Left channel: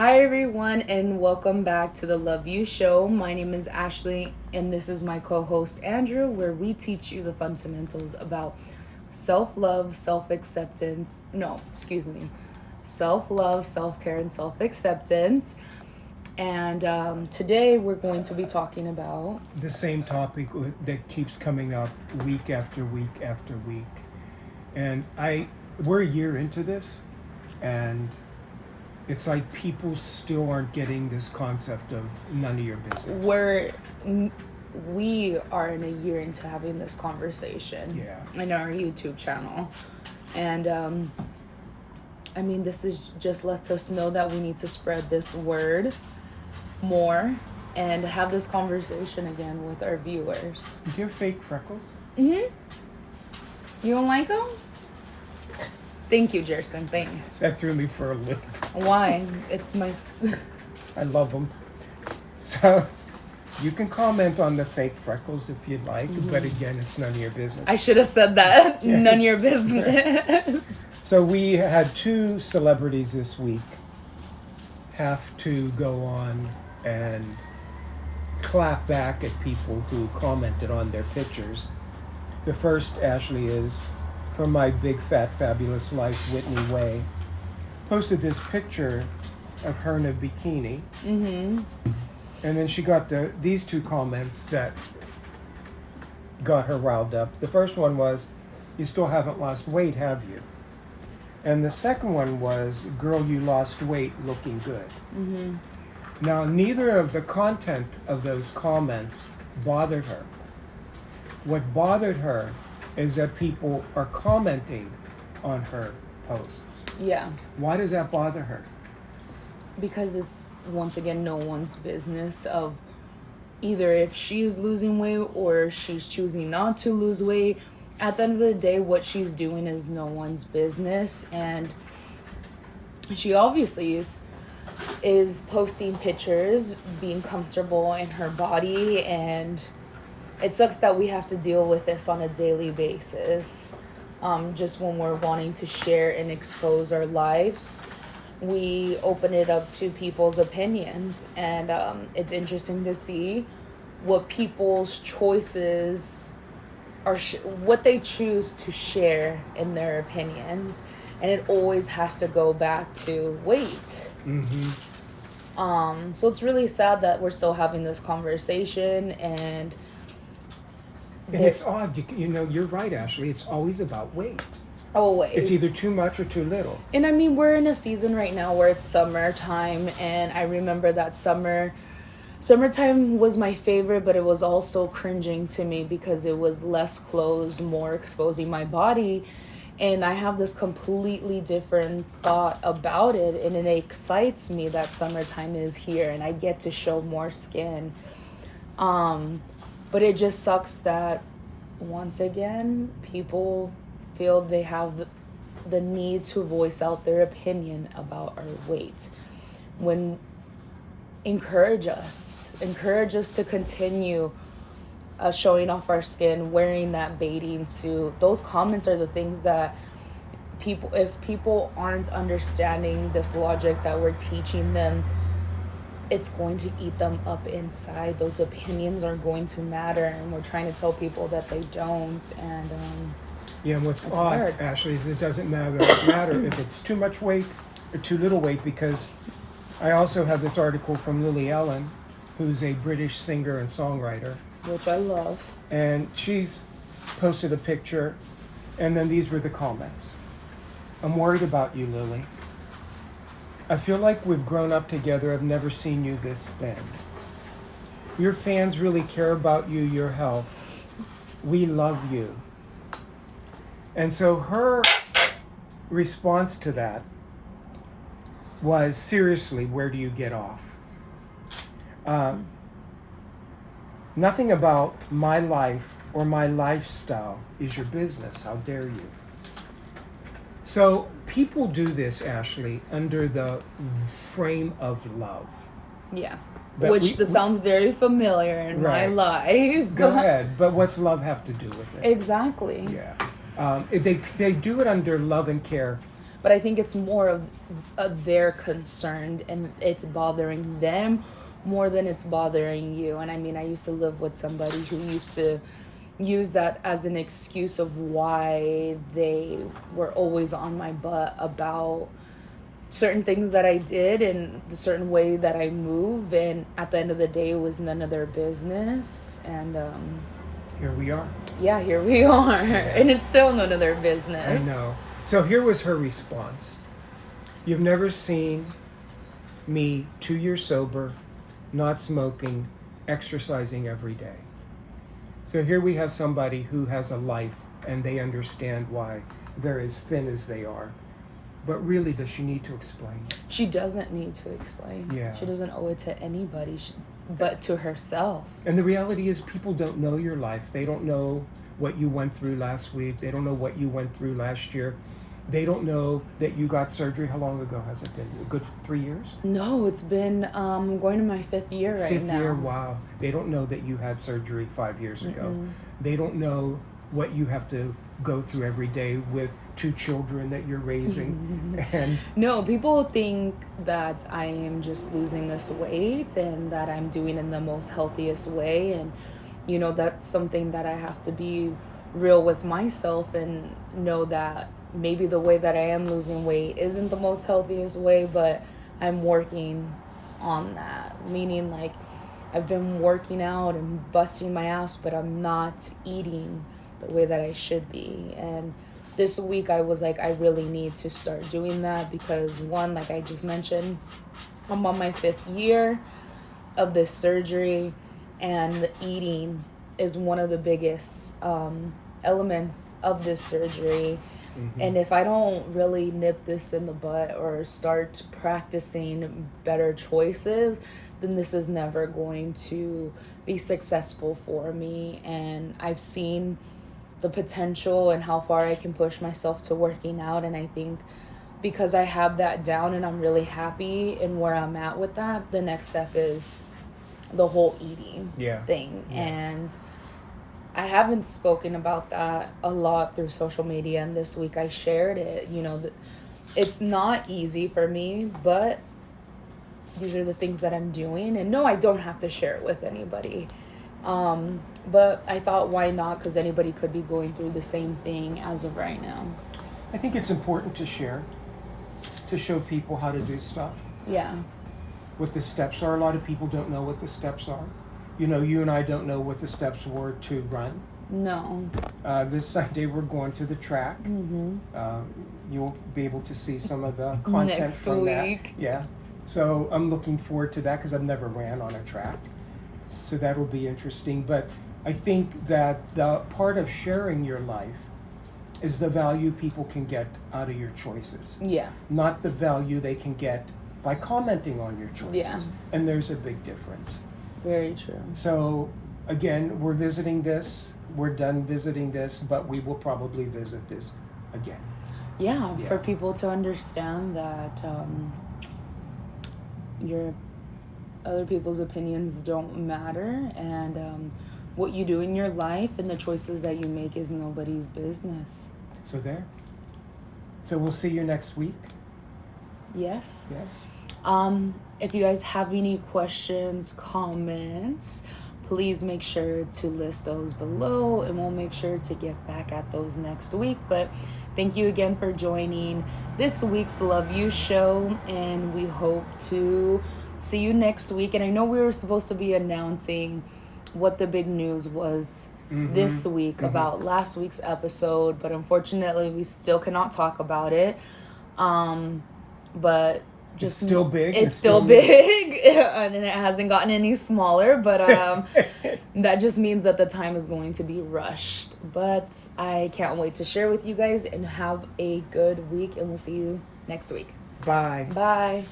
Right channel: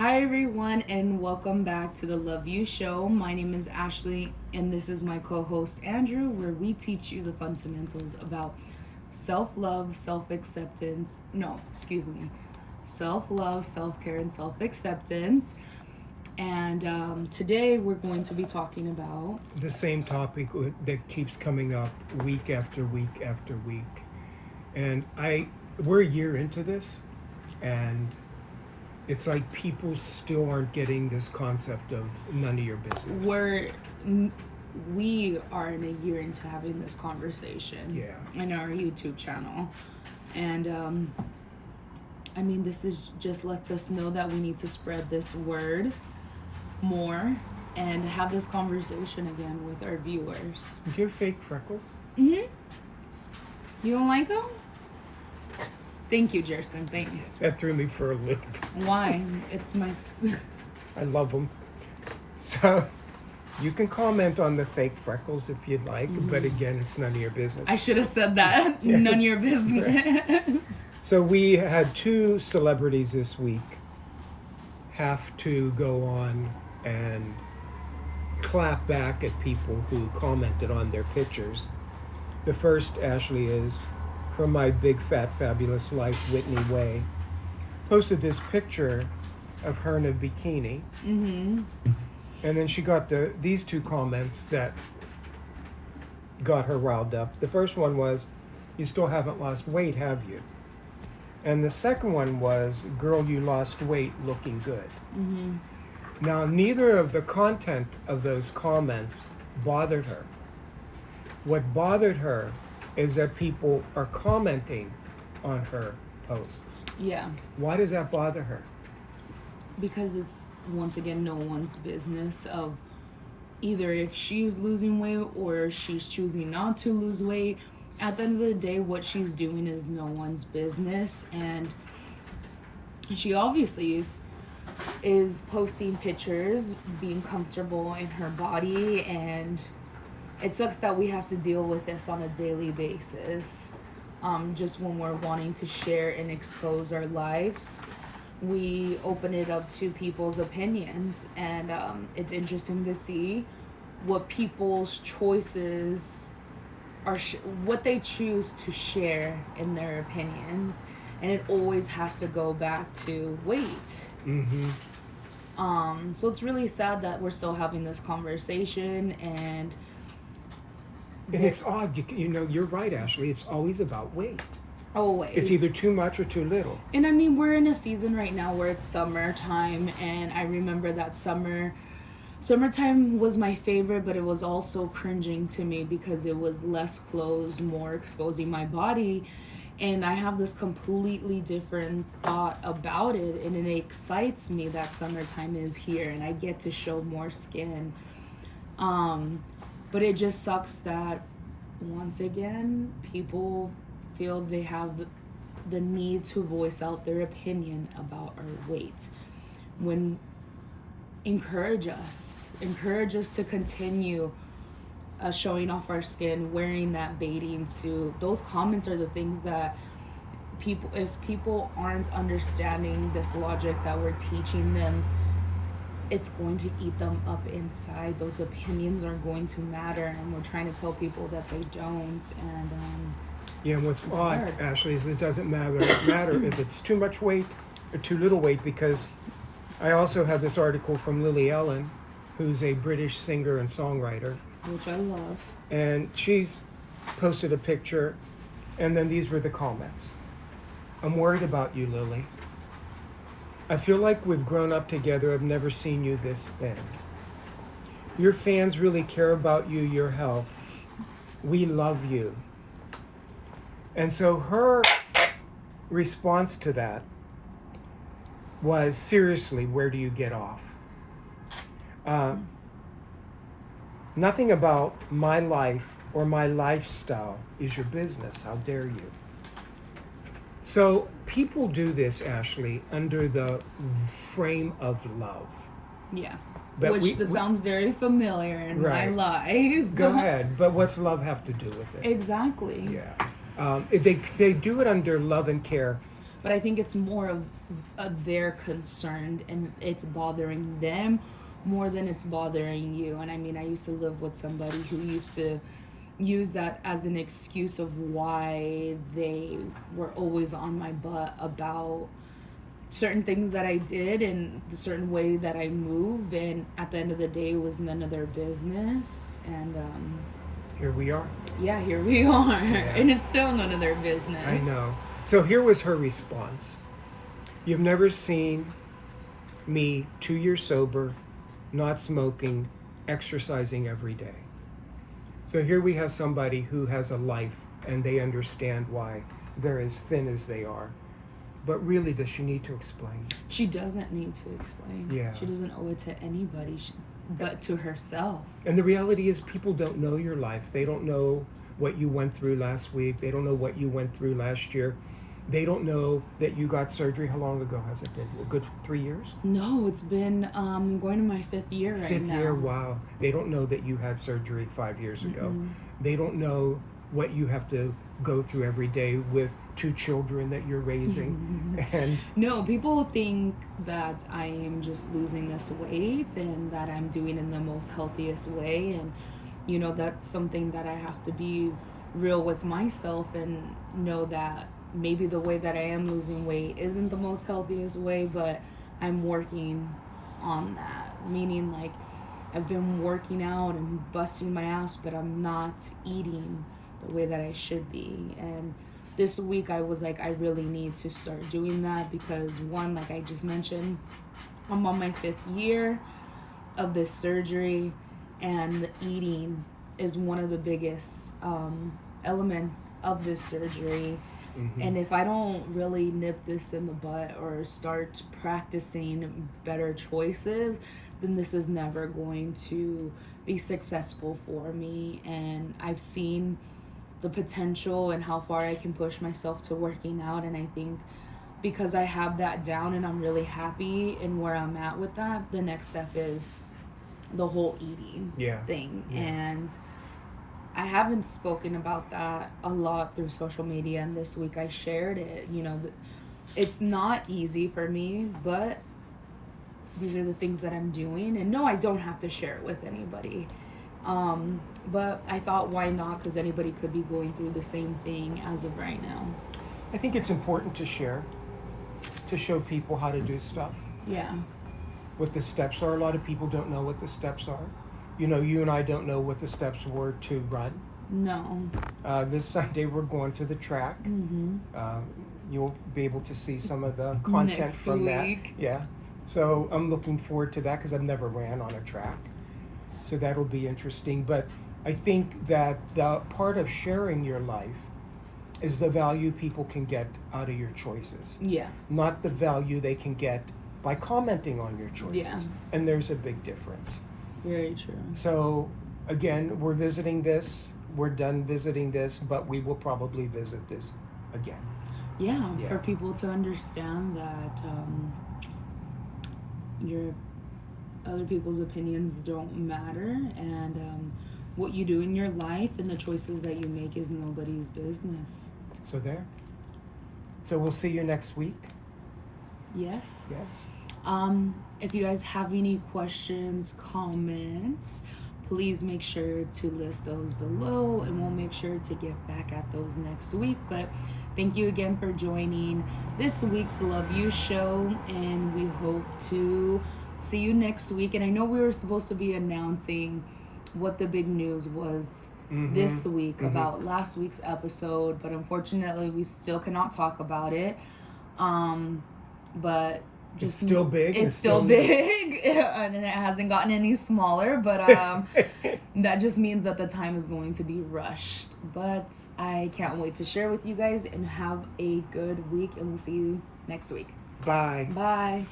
Hi, everyone, and welcome back to the Love You Show. My name is Ashley, and this is my co host Andrew, where we teach you the fundamentals about self love, self acceptance. No, excuse me. Self love, self care, and self acceptance. And today we're going to be talking about The same topic that keeps coming up week after week after week. And we're a year into this, and it's like people still aren't getting this concept of none of your business. we are in a year into having this conversation in our YouTube channel. And this is just lets us know that we need to spread this word more and have this conversation again with our viewers. Do you have fake freckles? You don't like them? Thank you, Jerson. Thanks. That threw me for a loop. Why? It's my... I love them. So you can comment on the fake freckles if you'd like, but again, it's none of your business. I should have said that. None of your business. So we had two celebrities this week have to go on and clap back at people who commented on their pictures. The first, Ashley, is from My Big Fat Fabulous Life, Whitney Way. Posted this picture of her in a bikini. And then she got these two comments that got her riled up. The first one was, "You still haven't lost weight, have you?" And the second one was, "Girl, you lost weight, looking good." Now, neither of the content of those comments bothered her. What bothered her is that people are commenting on her posts. Yeah. Why does that bother her? Because it's, once again, no one's business of either if she's losing weight or she's choosing not to lose weight. At the end of the day, what she's doing is no one's business. And she obviously is posting pictures, being comfortable in her body, and it sucks that we have to deal with this on a daily basis. Just when we're wanting to share and expose our lives, we open it up to people's opinions, and it's interesting to see what people's choices are, what they choose to share in their opinions, and it always has to go back to weight. So it's really sad that we're still having this conversation, and it's odd. You're right, Ashley. It's always about weight. Always. It's either too much or too little. And we're in a season right now where it's summertime, and I remember that summertime was my favorite, but it was also cringing to me because it was less clothes, more exposing my body. And I have this completely different thought about it, and it excites me that summertime is here and I get to show more skin. But it just sucks that, once again, people feel they have the need to voice out their opinion about our weight. When encourage us to continue showing off our skin, wearing that bathing suit. Those comments are the things that if people aren't understanding this logic that we're teaching them, it's going to eat them up inside. Those opinions are going to matter, and we're trying to tell people that they don't. And and what's odd, hard. Ashley, is it doesn't matter if it's too much weight or too little weight, because I also have this article from Lily Allen, who's a British singer and songwriter, which I love. And she's posted a picture, and then these were the comments. "I'm worried about you, Lily. I feel like we've grown up together. I've never seen you this thin. Your fans really care about you, your health. We love you." And so her response to that was, seriously, where do you get off? Nothing about my life or my lifestyle is your business. How dare you? So people do this, Ashley, under the frame of love. Yeah. But sounds very familiar in my life. Go ahead. But what's love have to do with it? Exactly. Yeah. They do it under love and care, But I think it's more of their concern, and it's bothering them more than it's bothering you. And I mean, I used to live with somebody who used to use that as an excuse of why they were always on my butt about certain things that I did and the certain way that I move, and at the end of the day it was none of their business. And Here we are. yeah, here we are. Yeah. And it's still none of their business. I know. So here was her response. You've never seen me 2 years sober, not smoking, exercising every day. So here we have somebody who has a life and they understand why they're as thin as they are. But really, does she need to explain? She doesn't need to explain. Yeah. She doesn't owe it to anybody but to herself. And the reality is people don't know your life. They don't know what you went through last week. They don't know what you went through last year. They don't know that you got surgery. How long ago has it been? A good 3 years? No, it's been going to my 5th year right Fifth now. year, wow. They don't know that you had surgery 5 years ago. They don't know what you have to go through every day with 2 children that you're raising. And no, people think that I am just losing this weight and that I'm doing it in the most healthiest way. And, you know, that's something that I have to be real with myself and know that maybe the way that I am losing weight isn't the most healthiest way, but I'm working on that. Meaning, like, I've been working out and busting my ass, but I'm not eating the way that I should be. And this week I was like, I really need to start doing that because, one, like I just mentioned, I'm on my 5th year of this surgery, and eating is one of the biggest elements of this surgery. And if I don't really nip this in the butt or start practicing better choices, then this is never going to be successful for me. And I've seen the potential and how far I can push myself to working out. And I think because I have that down and I'm really happy in where I'm at with that, the next step is the whole eating thing. Yeah. And I haven't spoken about that a lot through social media, and this week I shared it. You know, it's not easy for me, but these are the things that I'm doing. And no, I don't have to share it with anybody. But I thought, why not? Because anybody could be going through the same thing as of right now. I think it's important to share, to show people how to do stuff, Yeah. what the steps are. A lot of people don't know what the steps are. You know, you and I don't know what the steps were to run. No. This Sunday we're going to the track. You'll be able to see some of the content Next from that. week. Yeah. So I'm looking forward to that because I've never ran on a track. So that'll be interesting. But I think that the part of sharing your life is the value people can get out of your choices. Yeah. Not the value they can get by commenting on your choices. Yeah. And there's a big difference. Very true. So again, we're visiting this. We're done visiting this, but we will probably visit this again. Yeah, Yeah. for people to understand that your other people's opinions don't matter, and what you do in your life and the choices that you make is nobody's business. So there. So we'll see you next week. Yes. Yes. If you guys have any questions, comments, please make sure to list those below, and we'll make sure to get back at those next week. But thank you again for joining this week's Love You show, and we hope to see you next week. And I know we were supposed to be announcing what the big news was this week about last week's episode, but unfortunately we still cannot talk about it. But just It's still big. It's still big, and it hasn't gotten any smaller. But that just means that the time is going to be rushed. But I can't wait to share with you guys, and have a good week. And we'll see you next week. Bye. Bye.